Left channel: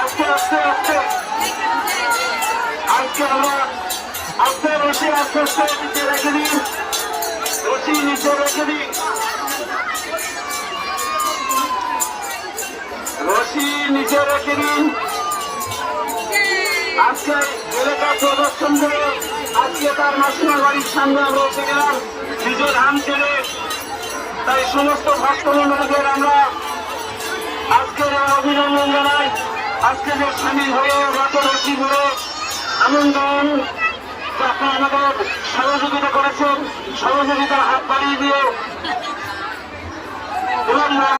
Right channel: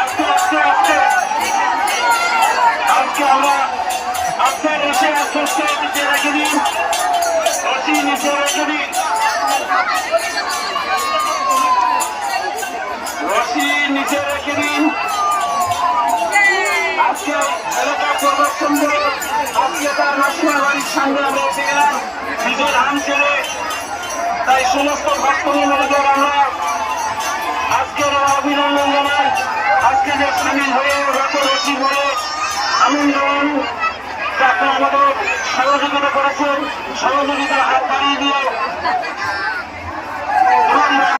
আস্তে আস্তে আস্তে আজকে আমরা আপনার রশি আস্তে আস্তে নিচে রেখে দিন, রশি নিচে রেখে দিন, রশি নিচে রেখে দিন। আজকে এলাকা প্রদর্শন করে আজকে তার মাসিমার বাড়ির সামনে আমরা এসে গেলাম নিজের ধান ছেড়ে। তাই সমস্ত ভক্তবৃন্দদের আমরা আজকের অভিনন্দন জানাই। আজকে যে সামিল হয়ে রত রশি ধরে আনন্দ আপনারা আমাদের সহযোগিতা করেছেন, সহযোগিতার হাত বাড়িয়ে দিয়ে